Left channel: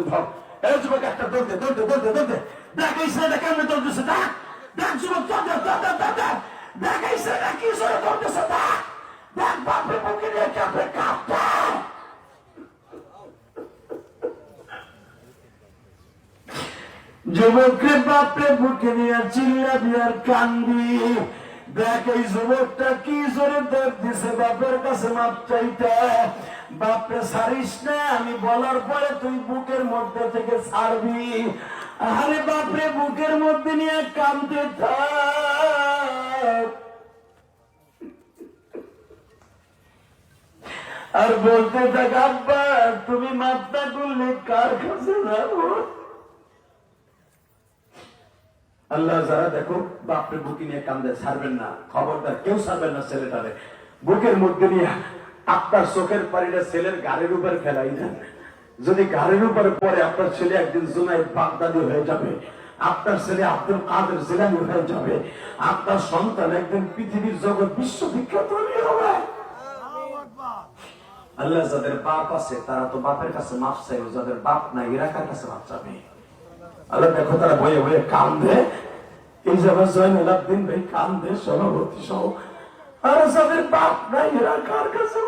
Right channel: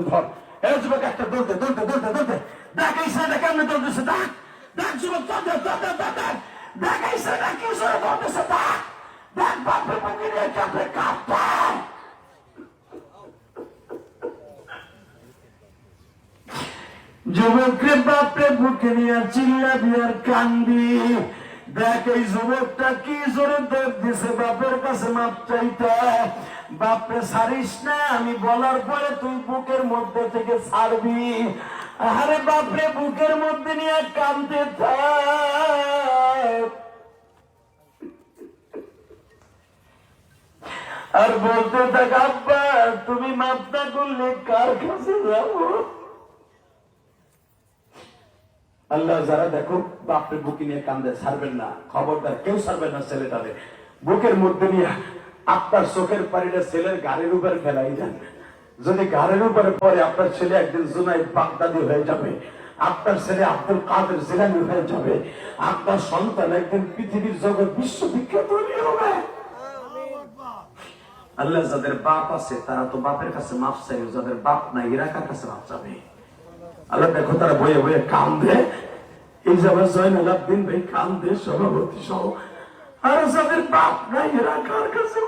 মধ্যে ধর এই যুবক একটা দৌড়তে দৌড়তে দৌড়তে দৌড়তে। দেখ ছেলেটা কেমনে দৌড়তেছে, দেখ। দেখ যুবক, চল দেখ দেখ দেখ ছেলেটা কি সরে দৌড়তেছে, দেখ। দেখ বাপরে বুকে নিয়ে কাঁপে কাঁপতে যুবকরে বাপরে বুকে নিয়ে চিল্লাবি আর কান্দি। এই যুবকটা কি জোরে দেখ দিছে, বাপের কাছে মাপ বাপরে, ছাড়িস না, আমি বলার পরে তুই বুকের মধ্যে থেকে ছাড়বি। আরে বাপরে, বুকের মধ্যে নিয়ে কান্দতে থাক। আর বলতে থাক, আব্বা, তুমি মাপটা করলে কার কাছে যাব? আল্লাহ যারা দেখো, বাপরে বুকে নিয়ে কান্দে, ছাড়বেন না। খবরদার, কেউ ছাড়বেন না ছেলেটারে। বুকের মধ্যে নিয়ে আপনার চোখের পানিটা ছেলের গাড়ির উপর ফেলাই দেন। যদি গাড়ির উপরে পরে আপনার ছেলে একদিন জুনাই বাগদাদি হয়ে যাবে। আপনার ছেলে আব্দুল কাদের জিলানি হয়ে যাবে। আপনার সন্তান একদিন পৃথিবীর জগৎ বিশ্ববিখ্যাত হবে আল্লাহ যাদের বাপ আছে, তারা তো বাপের কাছে মাফ চাইবে যাদের বাপ নাই, এরা কাছে মাফ চাবে? আল্লাহ দেখো, তারা বয়ে বয়ে কান্দে। যাবার জয়নুল আব্দিন ভাই কান্দে সভাপতি সহ। আর যাদের বাপ নাই এরা কার কাছে